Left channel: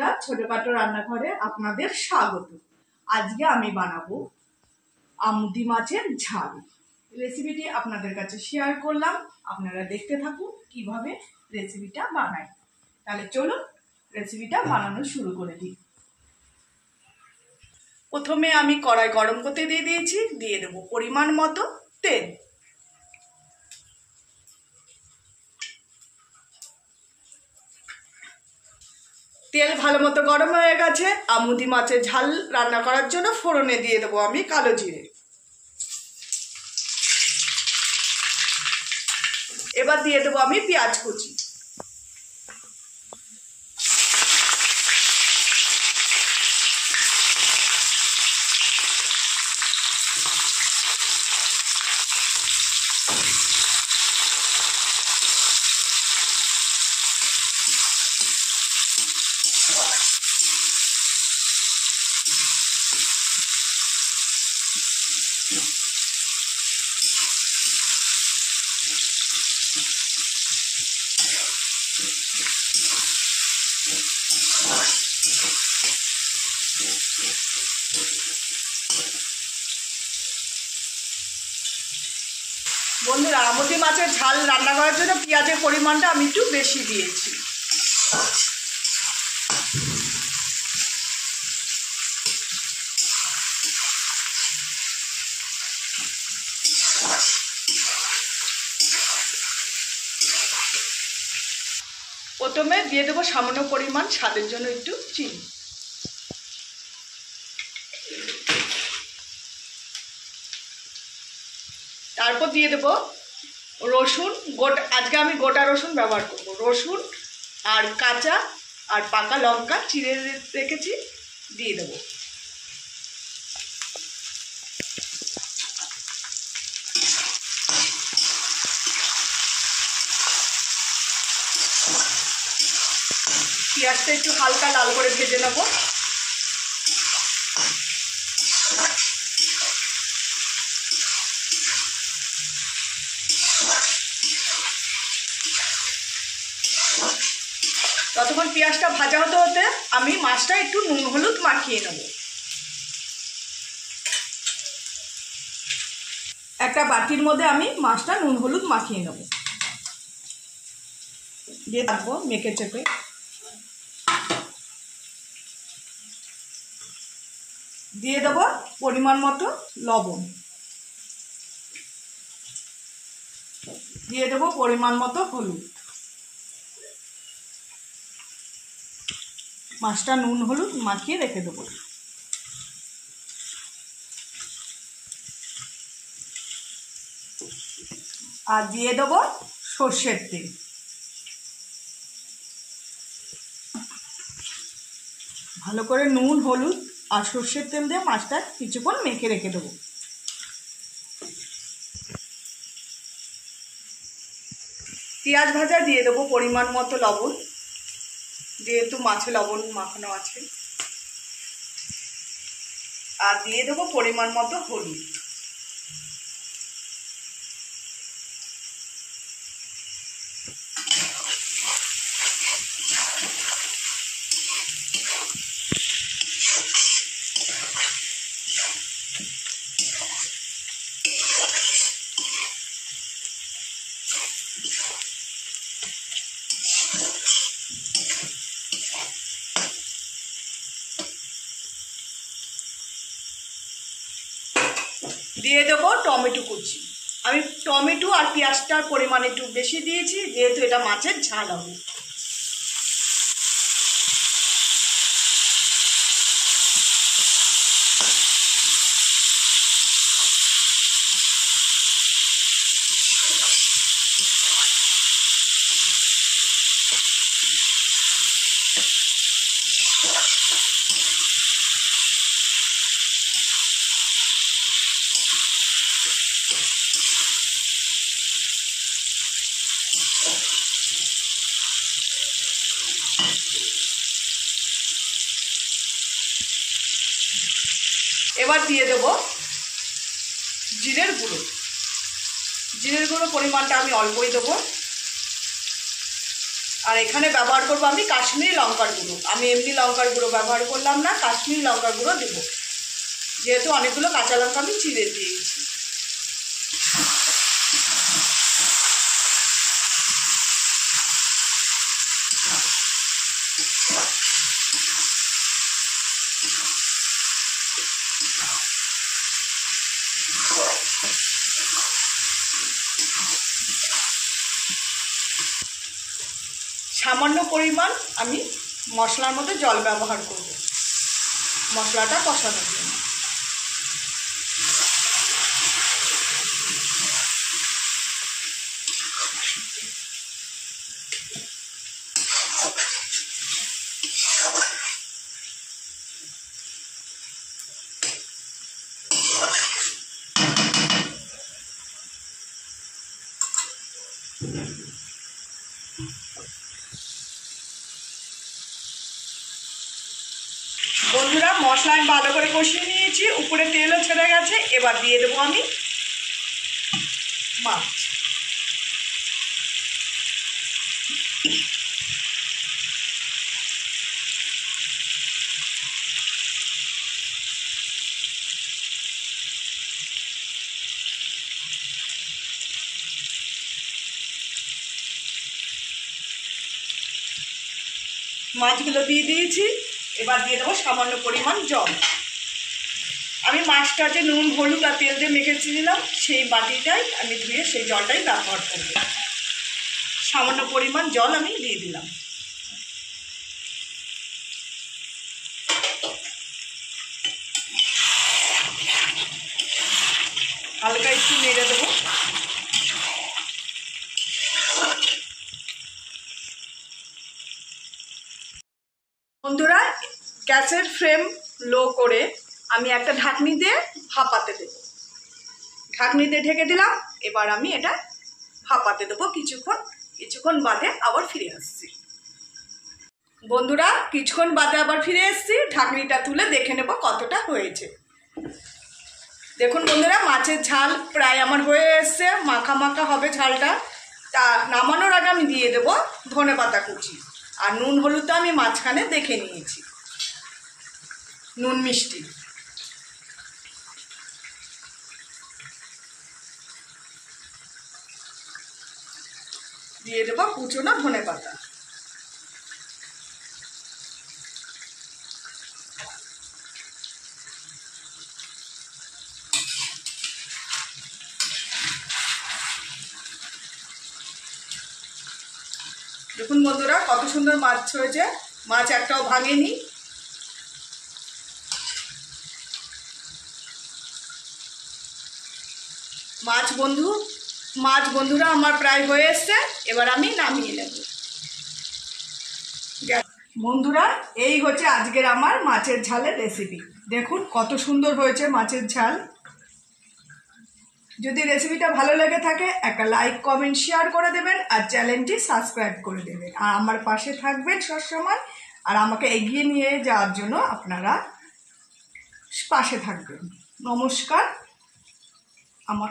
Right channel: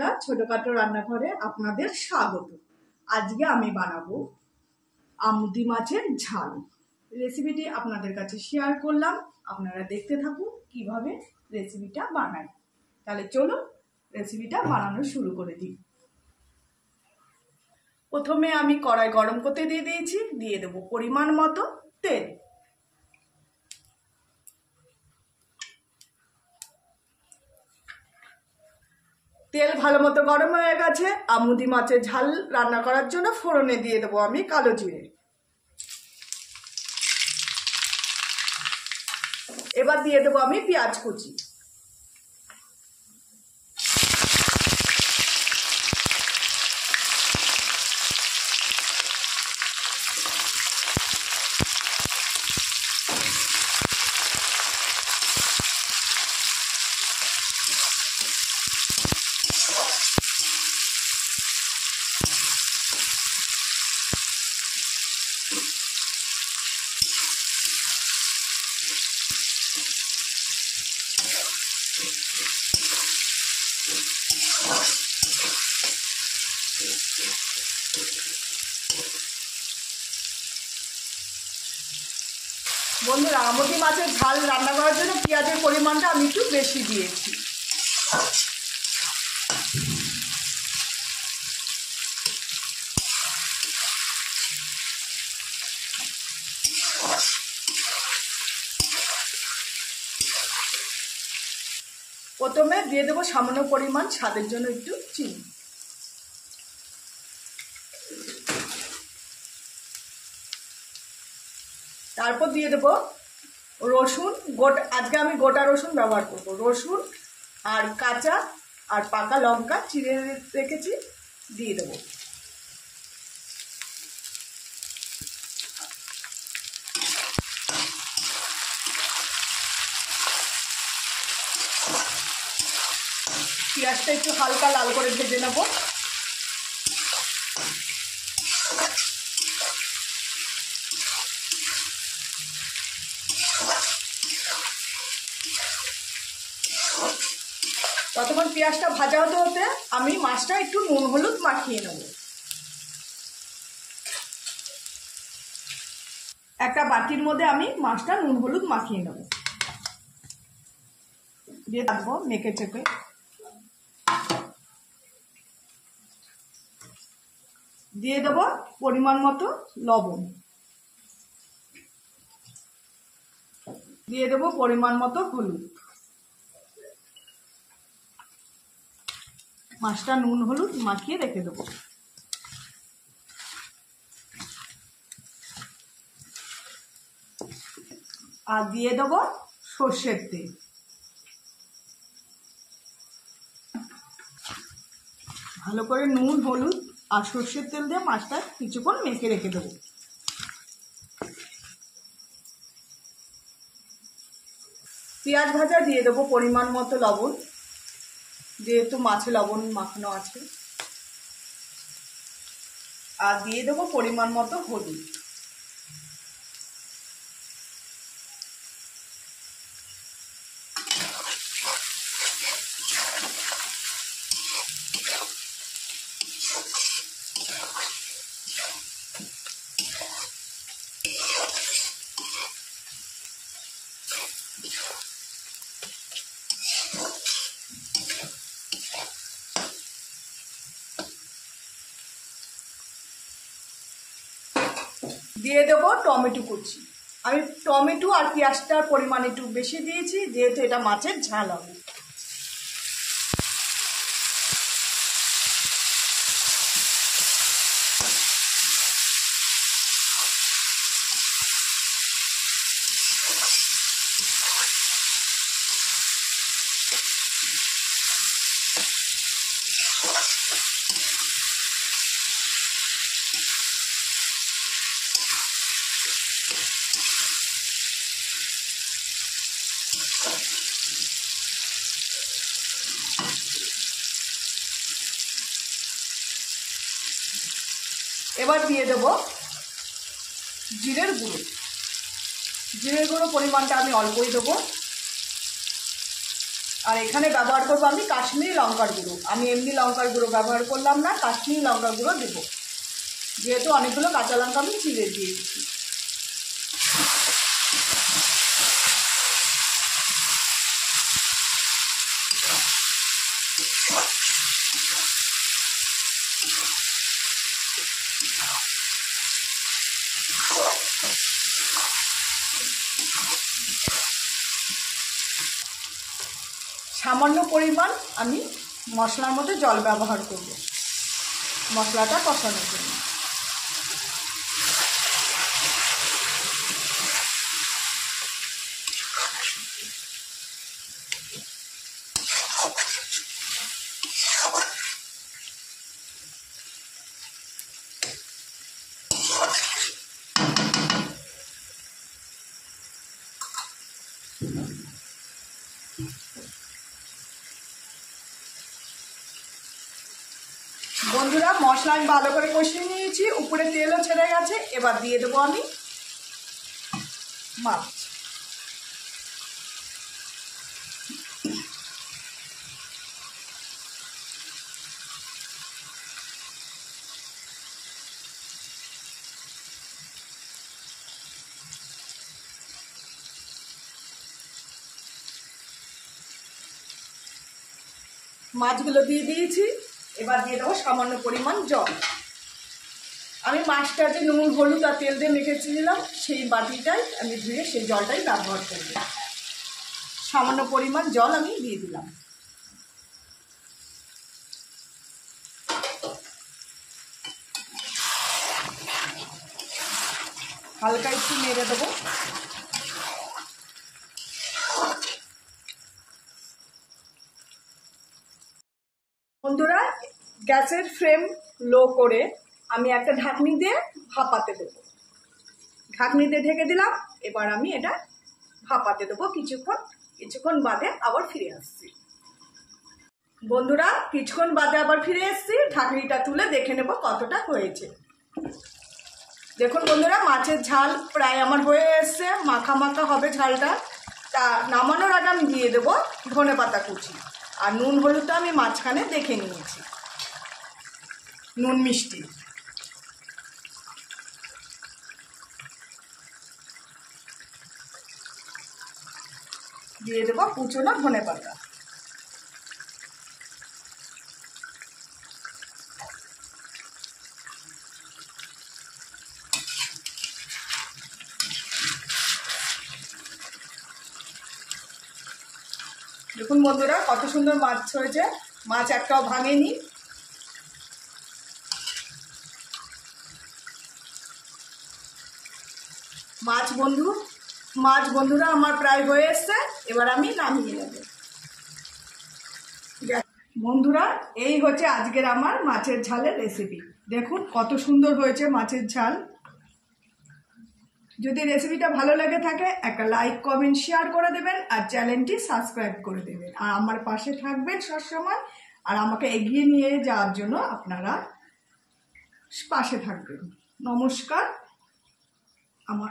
বন্ধুরা, ছোটখাটো রান্নাঘরে আপনাদের স্বাগত। আজকে আমি বানাবো আমুদি মাছের ঝাল। রেসিপিটি আপনাদের কাছে শেয়ার করলাম, আপনারা দেখতে থাকুন কিভাবে রেসিপিটা বানাই। তাহলে চলুন রেসিপিটা বানানো শুরু করে দিই। প্রথমে আমি কড়াই গরম করতে দিয়ে দিয়েছি, দিয়ে দেবো পরিমাণ মতো তেল। তেল ভালো মতো গরম হয়ে গেছে। আমুদি মাছের ঝাল রান্না করার জন্য ফোড়নে দিয়ে দেবো আমি কালো জিরে। এবার দিয়ে দেবো আমি পেঁয়াজ কুচি। বন্ধুরা, আমুদি মাছের ঝাল রান্না করার জন্য পেঁয়াজের পরিমাণটা আমি একটু বেশি দিয়েছি। প্রথমে দিয়ে দেবো সামান্য পরিমাণ স্বাদের জন্য একটু চিনি। তারপর দিয়ে দেবো রসুন গোটা। আজকে আমি গোটা রসুন ব্যবহার করব। রসুন আর কাঁচা আর পাকা লঙ্কা চিড়ে রেখেছি, দিয়ে দেবো। পেঁয়াজটা একটু হালকা লাল করে ভেজে নেব। ততক্ষণ পেঁয়াজটা ভাজা হতে হতে আমি মাছটা একটু নুন হলুদ মাখিয়ে নেব। একটা বাটির মধ্যে আমি মাছটা নুন হলুদ মাখিয়ে নেব, দিয়ে রাখবো মেখে চেপে। দিয়ে দেবো পরিমাণ মতো লবণ, দিয়ে দেবো পরিমাণ মতো হলুদ। মাছটা নুন হলুদ মাখিয়ে রেখে দেবো। আর দিয়ে দেবো সর্ষের তেল। ভালো করে নুন হলুদ আর সর্ষের তেল দিয়ে মাছটা কিছুক্ষণ মেখে রেখে দেবো। পেঁয়াজ ভাজা দিয়ে দেবো পরিমাণ মতো লবণ, যেহেতু মাছে লবণ মাখানো আছে। আর দিয়ে দেবো পরিমাণ মতো হলুদ। দিয়ে দেবো টমেটো কুচি। আমি টমেটো আর পেঁয়াজটার পরিমাণ একটু বেশি দিয়েছি, যেহেতু এটা মাছের ঝাল হবে। এবার দিয়ে দেব জিরের গুঁড়ো। জিরের গুঁড়ো পরিমাণটা আমি অল্পই দেবো। আর এখানে ব্যবহার করবো আমি কাশ্মীরি লঙ্কার গুঁড়ো। আমি এমনি লঙ্কার গুঁড়ো ব্যবহার করলাম না, কাশ্মীরি লঙ্কার গুঁড়ো দেবো, যেহেতু অনেকগুলো কাঁচা লঙ্কা আমি চিড়ে দিয়েছি। সামান্য পরিমাণ আমি মশলার মধ্যে জল ব্যবহার করব মশলাটা কষানোর জন্য। বন্ধুরা, মশলা আমি ভালো করে কষিয়ে নিয়েছি, উপরে তেলও ছেড়ে গেছে। এবার দিয়ে দেবো আমি মাছ। মাছগুলো দিয়ে দিয়েছি। এবার দিয়ে দেবো সামান্য পরিমাণ জল। আমি মাছটা যে নুন হলুদ আর তেল দিয়ে মেখেছিলাম সেই বাটিটাই আমি ধুয়ে সেই জলটাই ব্যবহার করব। সামান্য পরিমাণ জল আমি দিয়ে দিলাম। হালকা একটু নেড়ে দেবো। বন্ধুরা, গ্যাসের ফ্লেম লো করে আমি একটা ঢাকনি দিয়ে ভাপাতে দেবো। ঢাকনি দিয়ে ঢেকে দিলাম। এবার আমি এটা ভাপাতে দেবো কিছুক্ষণ বাদে আবার ফিরে আসছি। বন্ধুরা, কিছুক্ষণ বাদে আবার ফিরে এসেছি। ঢাকনিটা তুলে দেখে নেব কতটা হয়েছে। দেখুন বন্ধুরা, মাছের ঝাল প্রায় আমার হয়ে এসছে, মাখা মাখা হবে ঝালটা। তা নামানোর আগে আমি দিয়ে দেবো ধনেপাতা কুচি। আর নুন হলুদটা আমি মাঝখানে দেখে নিয়েছি, নুন মিষ্টি। দিয়ে দেবো কুচনো ধনেপাতা। দেখুন বন্ধুরা, কত সুন্দর মাছ হয়েছে। মাছ একটাও ভাঙেনি। মাছ বন্ধুরা আমার প্রায় হয়ে এসছে। এবার আমি নামিয়ে নেব। বন্ধুরা, এই হচ্ছে আজকের আমার মাছের ঝালের রেসিপি। দেখুন কত সুন্দর হয়েছে মাছের ঝাল। যদি রেসিপিটা ভালো লেগে থাকে একটা লাইক কমেন্ট শেয়ার করে দেবেন, আর চ্যানেলটি সাবস্ক্রাইব করে দেবেন, আর আমার পাশে থাকবেন সবসময়। আর আমাকে এগিয়ে নিয়ে যাওয়ার জন্য আপনারা পাশে থাকবেন। নমস্কার। আমার